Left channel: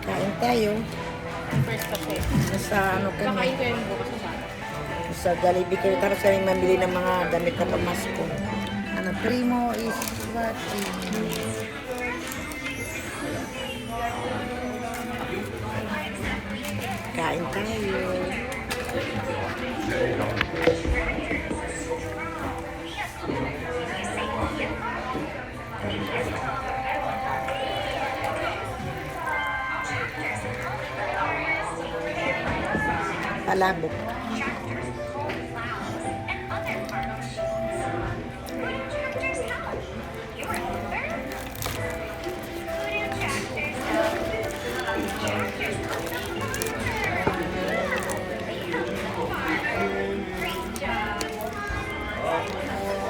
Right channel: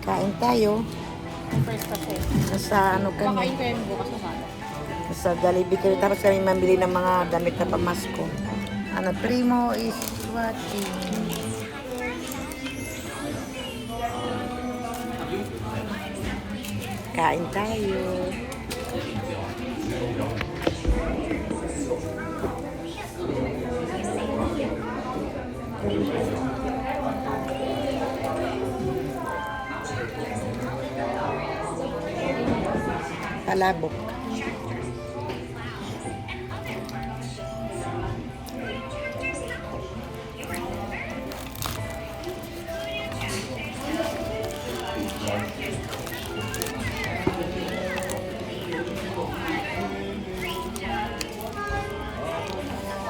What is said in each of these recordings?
Kain tayo. First kasi. Nasa ano kami. Kakain ko yung bukas na bata. Nasa Jollibee kami. Tapos kami mamili ng mga damit na pamasko. Ano, primo is what is... Kain tayo. Palabok.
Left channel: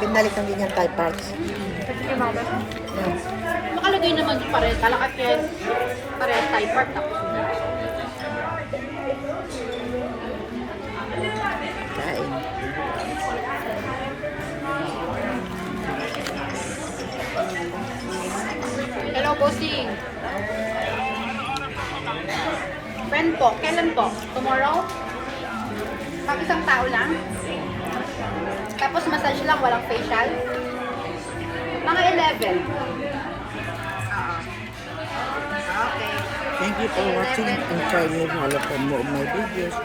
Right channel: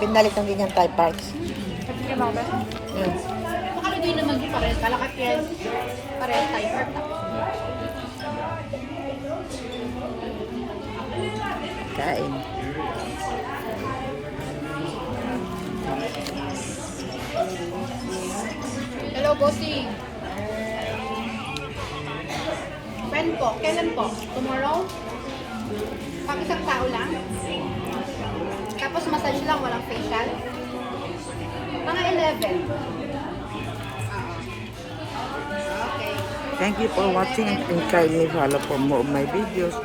Pinalik ng ganyan Thai parts. Kasi kaya mga best. Yan. Nakalagay naman pa rin. Kalakat kaya parehas Thai part. Kain. Hello, bossing. When po? Kailan po? Tomorrow? Pag isang tao lang? Tapos massage lang, walang facial? Mga 11. Thank you for watching and try me follow for more of my videos.